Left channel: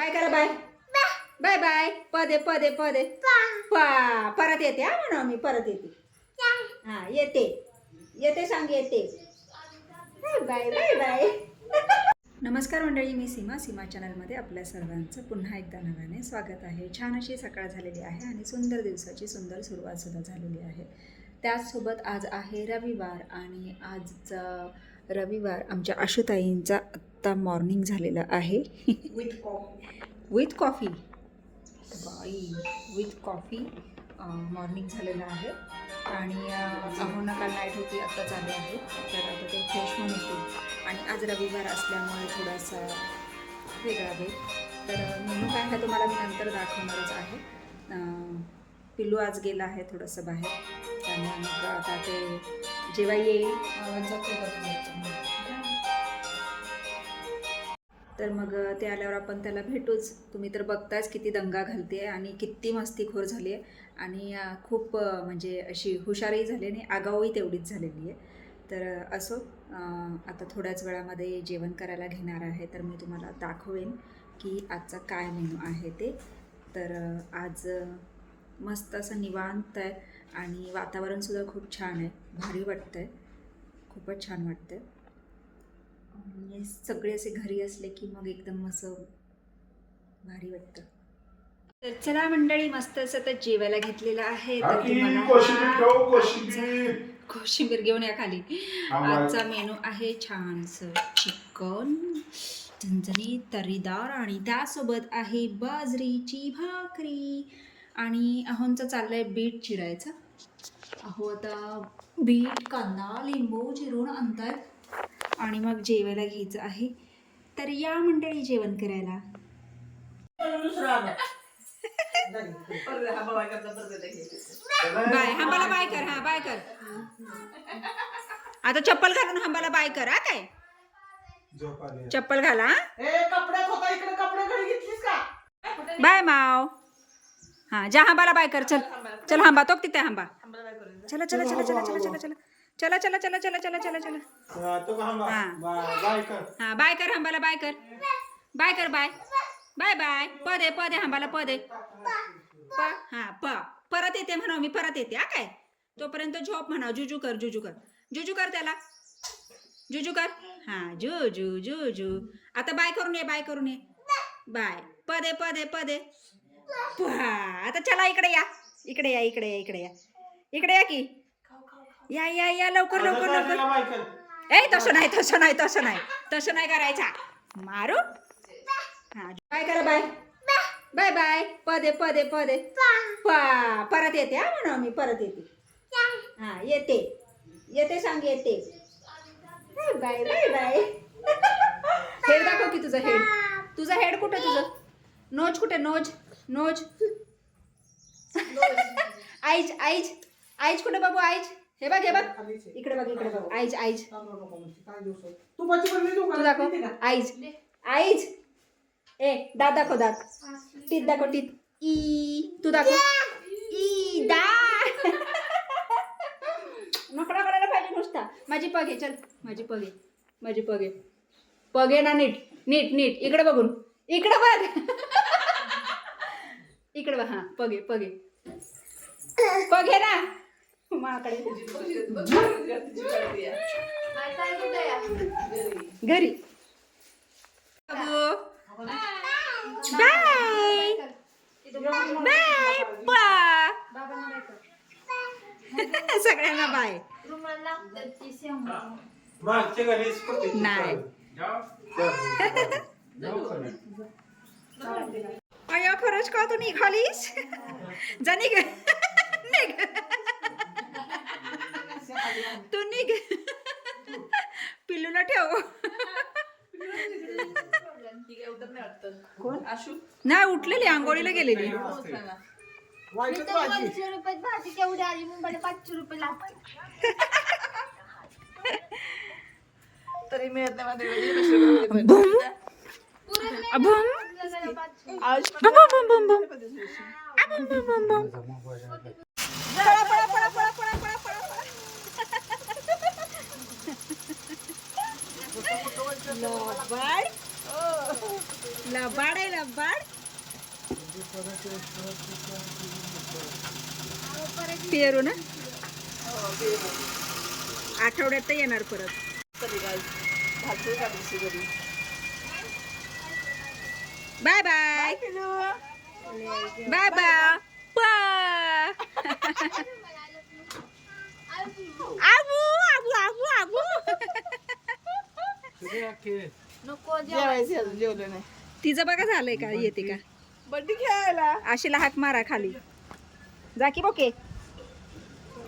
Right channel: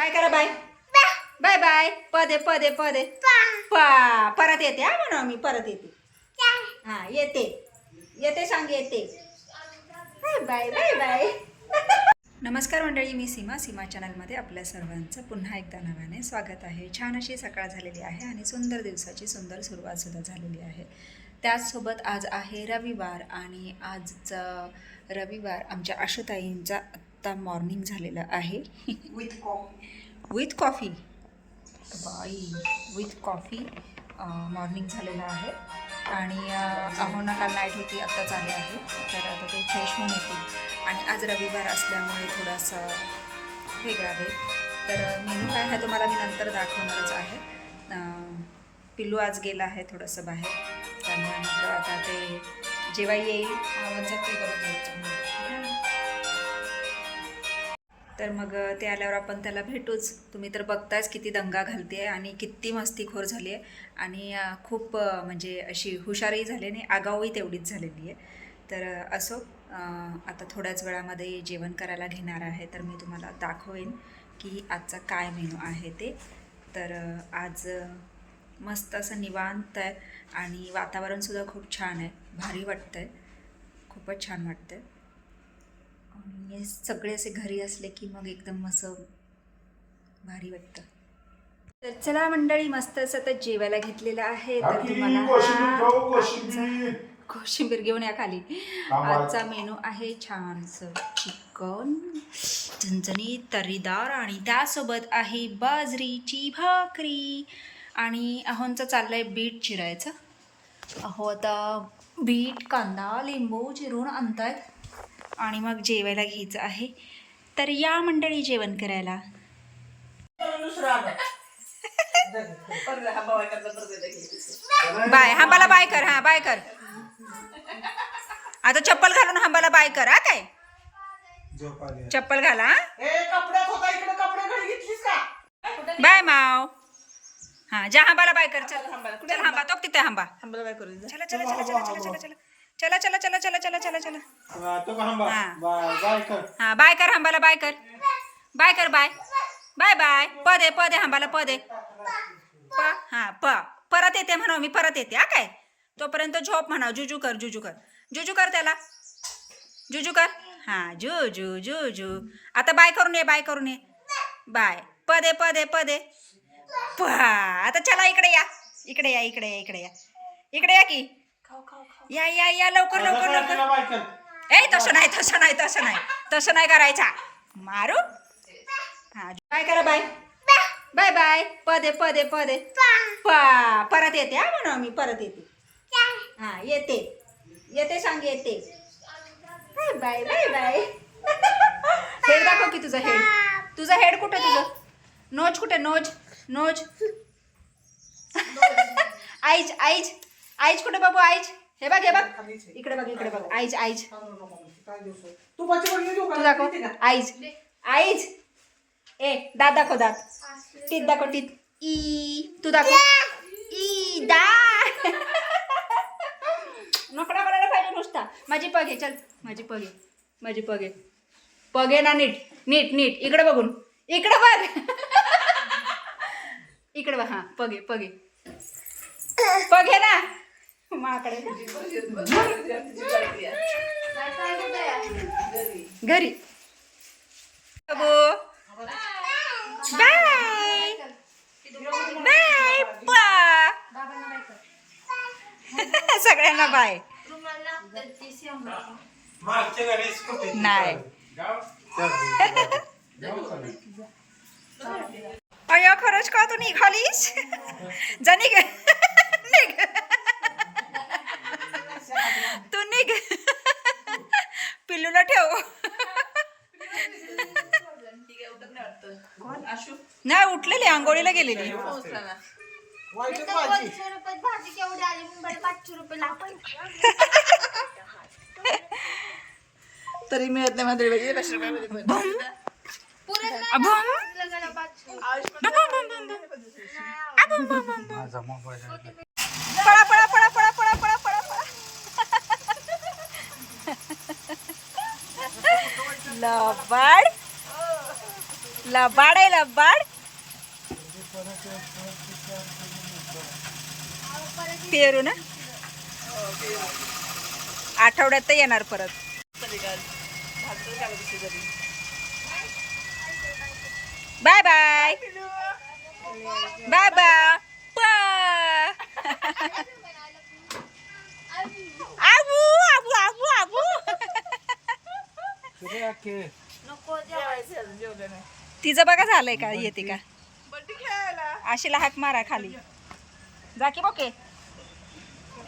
काय करा bye bye bye पदे पदे पदे पा परत येते हा म्हणा मी परत येते हा येते येते सांग येते बाय बाय बाय नमस्कार मंडळी, मी सीमा चॅनलमध्ये आपल्या सर्वांचं पुन्हा एकदा नव्याने स्वागत आहे. छान अशी सकाळ झालेली आहे आणि सुंदर दिवसाची सुंदर सुरुवातसुद्धा झालेली आहे. त्याचसोबत आज आहे रविवार आणि आजचा रविवार आमच्या आशुताईंचा आत्ता मॉर्निंग झालेलं आहे विथ कॉफी बाई विथ कॉफी मॉर्निंग झालेलं आहे. आणि अहोना काल नाईट होती, आत्ताच आले आहे, तर आता ते फ्रेश होऊन येतील. आणि आज रविवार असल्यामुळे थोडासा वेगळा वेळ, तर मेनू काय आहे तुम्हाला मी नंतर दाखवणारच आहे. पिल्लू आज गेला आहे थोडंसं बाहेर, त्यामुळे मग आता ते जेव्हा येईल तर मग ते आल्यावर आपण त्याला भेटूच. तुम्ही तर बघताच किती दंगा घालते आहे आणि किती मस्तीखोर झाली आहे आणि खूप म्हणजे अशी हुशारही झाली आणि आगाऊही तेवढीच झालेली आहे. तर असो, आता थोड्याच वेळामध्ये जेवण करायला घेणार आहे, तर मी तुम्हाला दाखवेन की आजचा काय मेनू आहे ते. तर आज मस्त असं निवांत आहे आणि वातावरणसुद्धा खूप छान आहे, भारी वाटतं आहे, खूपच छान वाटतं आहे. आणि सगळे असे घरी असले की मग एकदम असं भारी वाटतं. तर चला मंडळी, मस्त असं तर जेवायला घेतलेलं आहे. तर तुम्हाला कोशिंबीर घेऊन या खाली. आजचा मेनू आहे छानसं चिकन, झणझणीत तर्रीदार, आणि त्यासोबत आहे बाजरीची भाकरी. आणि अहोंचं चाललंय बीट चिरायचं. अहो आता बीट, कांदा, लिंबू चिरून आणतायत आणि मग जेवायला घ्यायचं आहे. तर या मंडळी जेवण करायला. बाय हांबाला बाय कर, हा बाय कर. आता चप्पल घालून हांबाला बाय कर. हा काय चप्पल घाला. बाय माव. हा जा हांबाला बाय कर. चल चल हांबा तो तिथे हांबा. चला चला चला चला चला चला चला चला चला चला चला चला चला चला. हा बाय कर हांबाला बाय कर. बाय कर बाय बाय बाय. पदे पदे हांबाला पदे प हा प परत येते म्हणा मी परत येते. हा काय तोपर्यंत झोप म्हणा. जुजू कर जुजू कर जुजू कर त्याला जुजू कर. हा जुजू जुजू. आता बाय करून ये बाय करून ये. बाय पदे पदे पदे प. आता चला इकडे या इकडे या इकडे या इकडे या इकडे या की. या या या लवकर लवकर लवकर. ए तसं नाही तसं नाही तसं नाही तसं नाही करायचा. मारू. हा बाय करा बाय बाय बाय. पदे पदे पदे पा परत येते. हा म्हणा मी परत येते. हा येते येते सांग येते. Bye bye bye. हेड दाखव की तुझं हेड. तुझं हेड कुठे? तुझं नोज कुठे? Nose nose. Eyes eyes eyes कुठे बाबू? आईज हे बघ हे बघ इकडे बघ इकडे बघ. आईज आईज तू दाखव. Eyes eyes. ए दात दाखव. दात टीत दाखव. टीत. ई तू दाखव. ई दा. नकडा करायला पाहिजे नुसता. माझी पग आहे. चल माझी पग आहे. माझी पग आहे. पग आहे ना. नीट नीट नीट इकडे बघून. इकडे बघ. इकडे बघ. हा पग आहे पग आहे पग आहे ना माकडे. घरी बाय बाय पा. सगळ्यांना बाय. नाही अय्या खरंच का तू निघालीस? जा निघ निघ तू निघ. पिल्लूला ठेव. कोण? नाही उठलेली, आंघोळीला गेलेली. भाजी केवढी आली मुंबईला? 500 रुपये लागतात तरी मिळत नाही माझ्या. 500 रुपये बूम अबूम बूम बूम बूम अबूम बूम बूम बूम. पळा पळा पळा पळा पळा पळा पळा पळा. लबाड लबाड आहे लबाड. पेरू ना आठवड्यात तर येणार परत. Bye bye bye bye. आबू आबू आबू आबू. जेवलं नाही. तिचं बघा झालंय का येते का. बड्डी खेळायला आशीला हाक मारा खाली जा की बोके.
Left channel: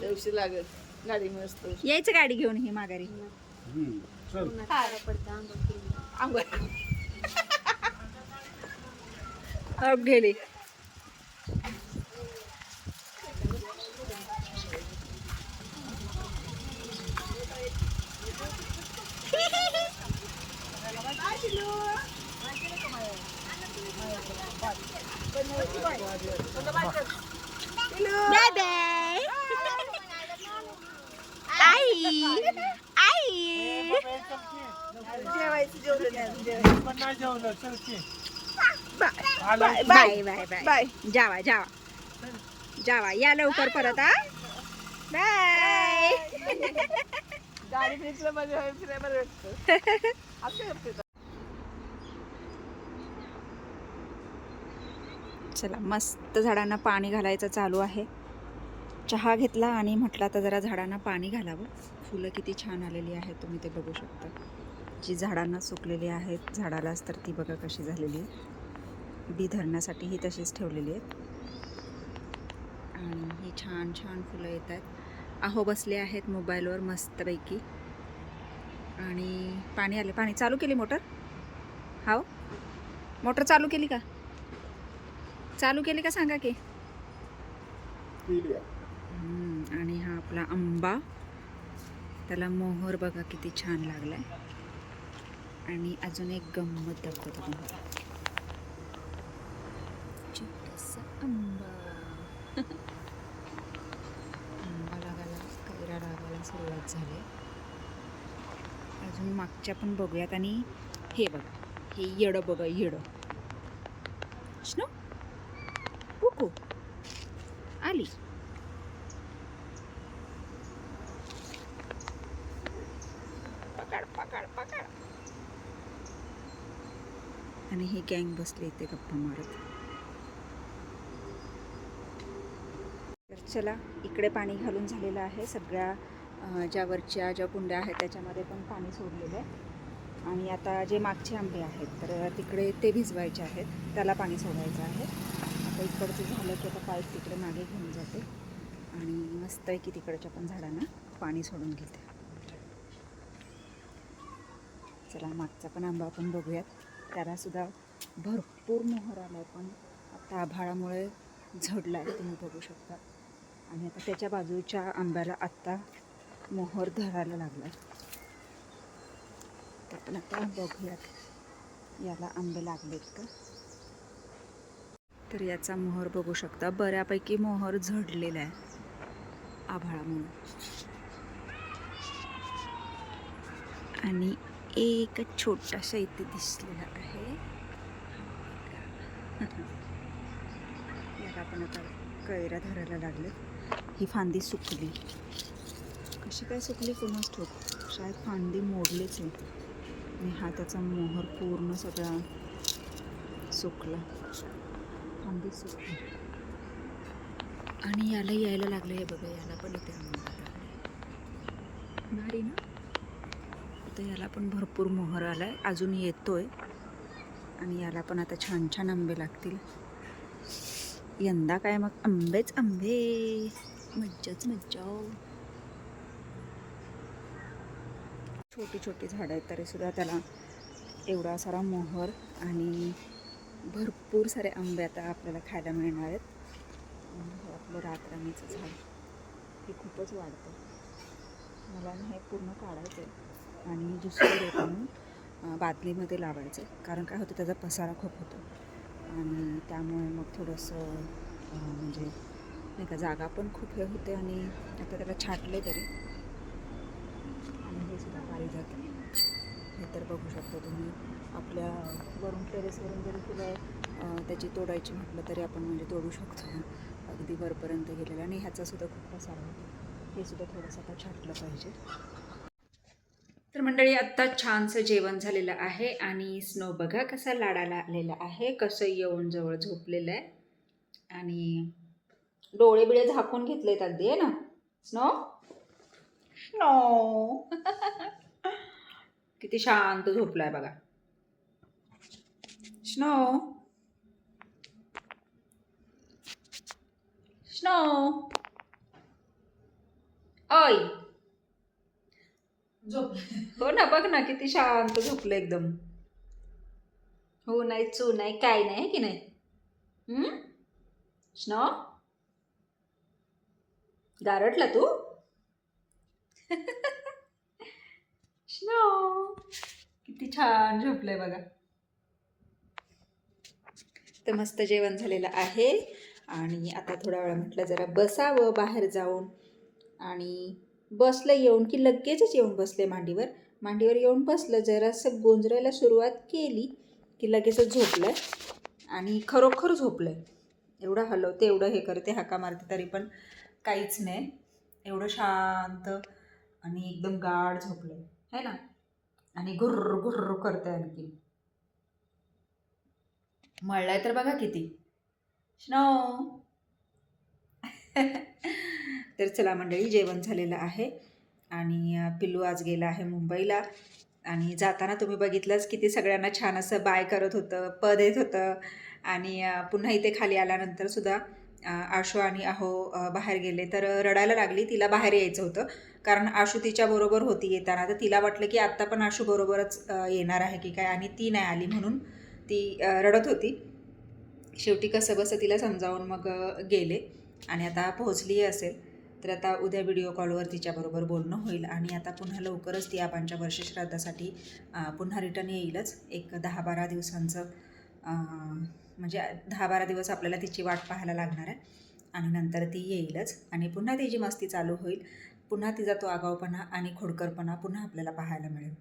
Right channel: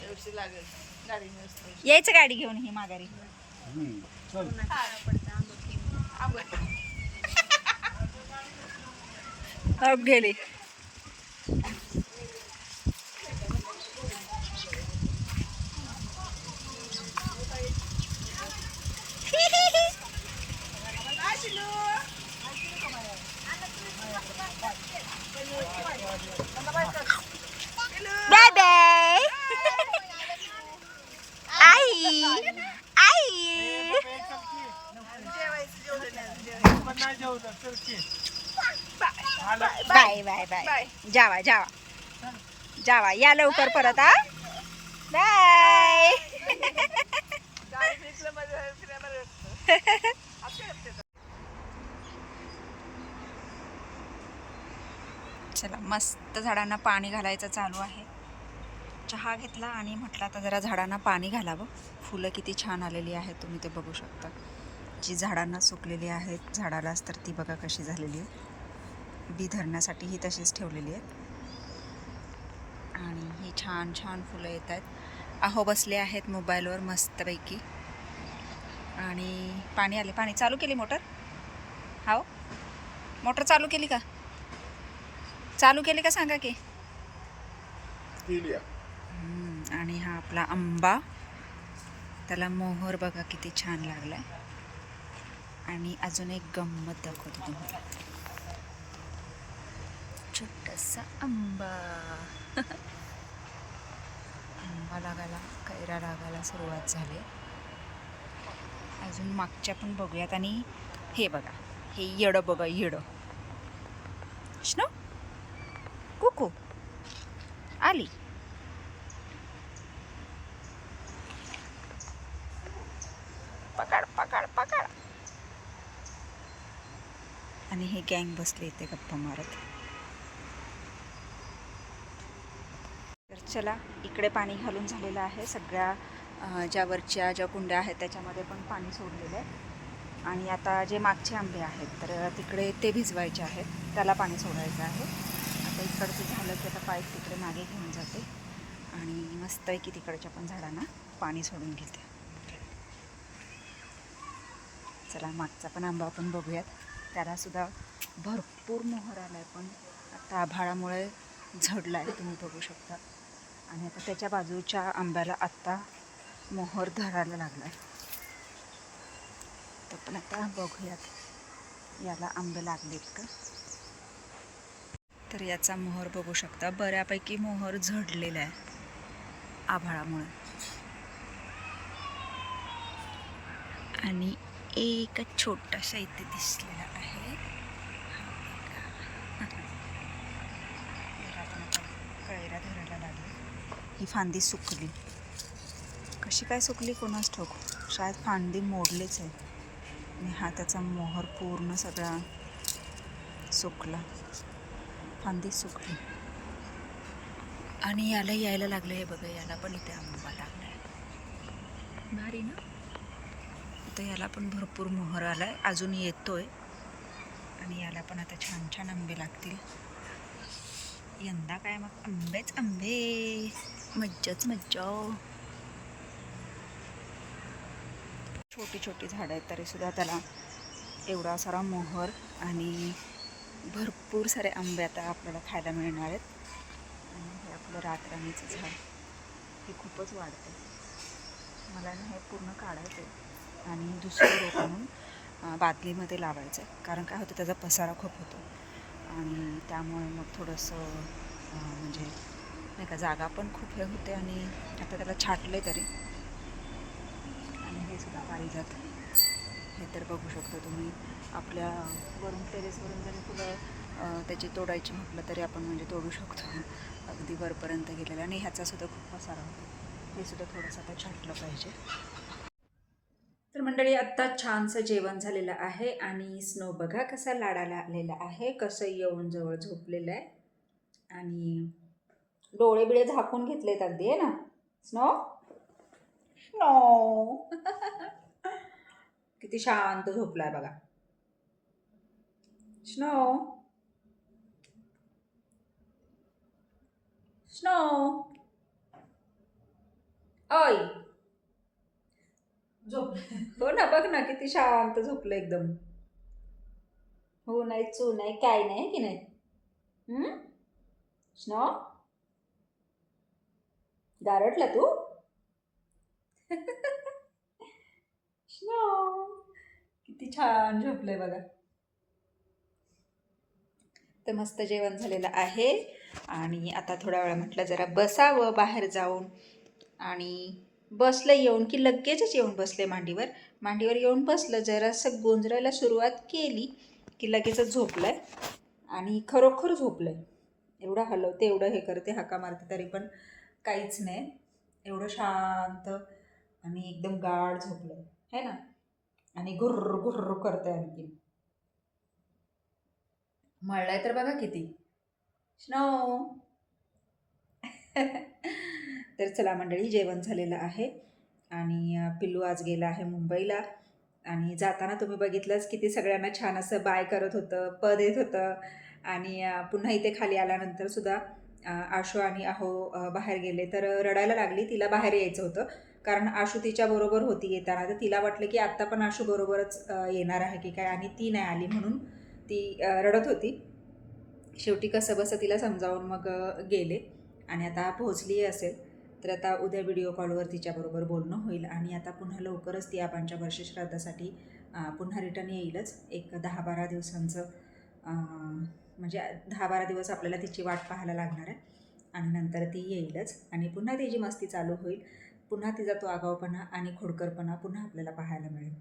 दिवशी लागेल गाडी मस्त. यायचं गाडी घेऊन ही माघारी. अब गेली. Bye bye. आई आई. Bye bye bye. जावा जावा जावा या लवकर परत. हा बाय. चला मस्त झाडांना पाणी घालायचं चालू आहे. चहा घेतला आणि म्हटलं आता जरा झाडांना पाणी घालावं. फुलं किती छान आलेली आहेत तुम्ही ते बघू शकता. जी झाडांना सुकलेली आहेत झाडालाच तर ती बघा कशी झालेली आहे. बी धरण्यासाठी ही तशीच ठेवलेली आहेत. आणि ही छान छान फुलं येत आहेत. अहो बसले आहेत मोबाईलवर मस्तपैकी. आणि पाणी आले. पाणी चालू केली मोटर. हो मोटर चालू केली का. चालू केली का सांगा की. आणि हा आपला आंबा त्याला मोहर बघा किती छान लागलाय. आणि अजून एक गंमत दाखवतो तुम्हाला. छोटासा आंबा. आंबा लागायला कैरा लागायला सुरुवात झाली. अजून मागच्या पण बघूयात. आणि हे बघा हे येडं बघा येडं. स्नो कुकू आली. पकड पकड पकड. आणि हे गँग बसले इथे गप्पा मारत. तर चला इकडे पाणी घालून झालेलं आहे. सगळ्या ज्या वरच्या ज्या कुंड्या आहेत त्याच्यामध्ये पण पाणी सोडलेलं आहे. आणि आता जे मागचे आंबे आहेत तर तिकडे ते भिजवायचे आहेत. त्याला पाणी सोडायचं आहे. आता इकडचं झालं की आता पाईप तिकडे मागे घेऊन जाते आणि मस्तपैकी तिकडच्या पण झाडांना पाणी सोडून घेते. चला मागचा पण आंबा आपण बघूयात. त्यालासुद्धा भरपूर मोहर आला आहे पण आता आभाळामुळे झडला आहे तुम्ही बघू शकता. आणि आता त्याच्या बाजूच्या आंब्याला आत्ता मोहर धरायला लागला आहे. तर पण आता बघूयात याला आंबे लागलेत का. तर याचा मोहर बघू शकता बऱ्यापैकी मोहर झडलेला आहे आभाळामुळे. आणि एक छोटासा इथे दिसलेला आहे. याला पण आता कैरा धरायला लागले. ही फांदी सुकली. कशी काय सुकली कोणास ठाऊक. शायद फांदी मोडलीच आहे. आणि हा त्याचा मोहर पूर्ण सगळा सुकला. फांदी सुकली. आणि याला यायला लागलं हे बघा. याला पण इथे आंबा लागला आहे. भारी ना. आता याला पण भरपूर मोहर आला आहे. अजून येतोय. आणि याला पण आता छान छान आंबे लागतील. यंदा काय मग आंबेच आंबे. मज्जाच मज्जा. छोटी छोटी झाडं आहेत तरीसुद्धा त्याला एवढा सारा मोहर आणि भरपूर सारे आंबे आता आपल्याला खायला मिळणार आहेत. आणि हे आपलं रातराणीचं झाड हे खूपच वाढतं. मला हे पूर्ण काढायचं आहे आणि दुसरं रोप आणून बादलीमध्ये लावायचं. कारण काय होतं त्याचा पसारा खूप होतो आणि त्यामुळे मग थोडंसं म्हणजे नाही का जागा पण खूप हे होते. आणि आता त्याला छाटलं तरी. आणि हे सुद्धा पारिजात आहे. तर बघू शकता तुम्ही आपल्या वरून टेरेसवरून जरी फुलं त्याची तोडायची म्हटलं तरी आपण म्हणजे तोडू शकतो. अगदी वरपर्यंत गेलेलं. आणि ह्याचासुद्धा खूप पसारा होतो. हे सुद्धा थोडंसं आता छाटलं पाहिजे. तर मंडळी आत्ता छानसं जेवण झालेलं आहे आणि स्नो बघा कसा लाडाला आलेला आहे, कसं येऊन जवळ झोपलेलं आहे आणि डोळे बिळे झाकून घेतलेत अगदी आहे ना स्नो. स्नो किती शांत झोपलाय बघा स्नो. स्नो ओय झोप. हो ना बघ ना किती शांत झोपलं एकदम. हो नाही चू नाही काय नाही की नाही. स्नो गारटला तू. स्नो किती छान झोपलंय बघा. तर मस्त जेवण झालेलं आहे आणि आता थोड्या वेळा म्हटलं जरा बसावं बाहेर जाऊन. आणि बसलं येऊन की लगेचच येऊन बसले मांडीवर येऊन बसलं, जरासं गोंजरायला सुरुवात केली की लगेचच झोपलंय आणि खरोखर झोपलंय. एवढं हलवते एवढं हे करते हाका मारते तरी पण काहीच नाही. एवढं शांत आणि एकदम गाढ झोपलंय है ना. आणि गुर्र गुर्र करतंय आणखी. मळलाय तर बघा किती स्नो. तर चला मंडळी जेवण झालेलं आहे आणि पिल्लू आज गेला आहे मुंबईला. आणि जाताना तुम्ही बघितलंच किती सगळ्यांना छान असं बाय करत होतं, पद येत होतं. आणि पुन्हा इथे खाली आल्यानंतर सुद्धा आशू आणि अहो बाहेर गेले तर रडायला लागली. तिला बाहेर यायचं होतं कारण आशू तिच्याबरोबर होती येताना. तर तिला वाटलं की आत्ता पण आशू बरोबरच येणार आहे की काय, आणि ती नाही आली म्हणून ती रडत होती. शेवटी कसं बसं तिला समजावून मग गेले आणि आता पोहोचली असेल. तर आता उद्या व्हिडिओ कॉलवर तिच्याबरोबर बोलणं होईल आणि आता पुन्हा लवकरच ती आबांच्या वर्षश्राद्धासाठी पुन्हा रिटर्न येईलच. एक 10-12 दिवसांचं म्हणजे 10-12 दिवस आपल्याला तिची वाट पाहायला लागणार आहे आणि नंतर ती येईलच आणि पुन्हा तिची मस्ती चालू होईल. पुन्हा तिचा तो आगाऊपणा आणि खोडकरपणा पुन्हा आपल्याला पाहायला मिळेल.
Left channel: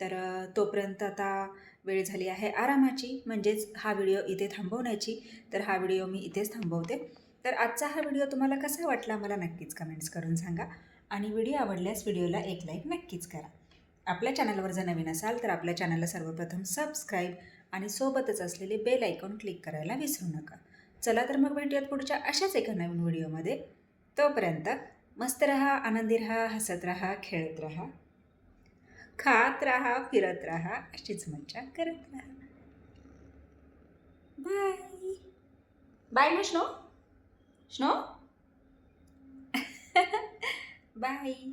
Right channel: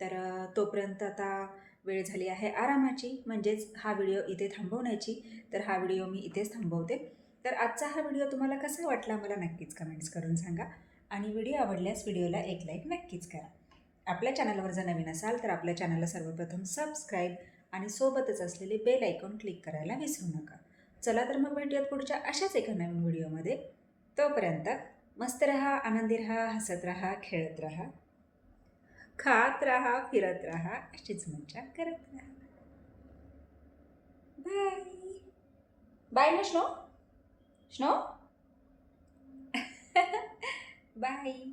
तर तोपर्यंत आता वेळ झाली आहे आरामाची, म्हणजेच हा व्हिडिओ इथे थांबवण्याची. तर हा व्हिडिओ मी इथेच थांबवते. तर आजचा हा व्हिडिओ तुम्हाला कसा वाटला मला नक्कीच कमेंट्स करून सांगा आणि व्हिडिओ आवडल्यास व्हिडिओला एक लाईक नक्कीच करा. आपल्या चॅनलवर जर नवीन असाल तर आपल्या चॅनलला सर्वप्रथम सबस्क्राईब आणि सोबतच असलेले बेल आयकॉन क्लिक करायला विसरू नका. चला तर मग भेटूयात पुढच्या अशाच एका नवीन व्हिडिओमध्ये. तोपर्यंत मस्त रहा, आनंदी रहा, हसत रहा, खेळत रहा, खात रहा, फिरत रहा, अशीच मज्जा करत रहा. बाय बाय ना स्नो. Snow bye.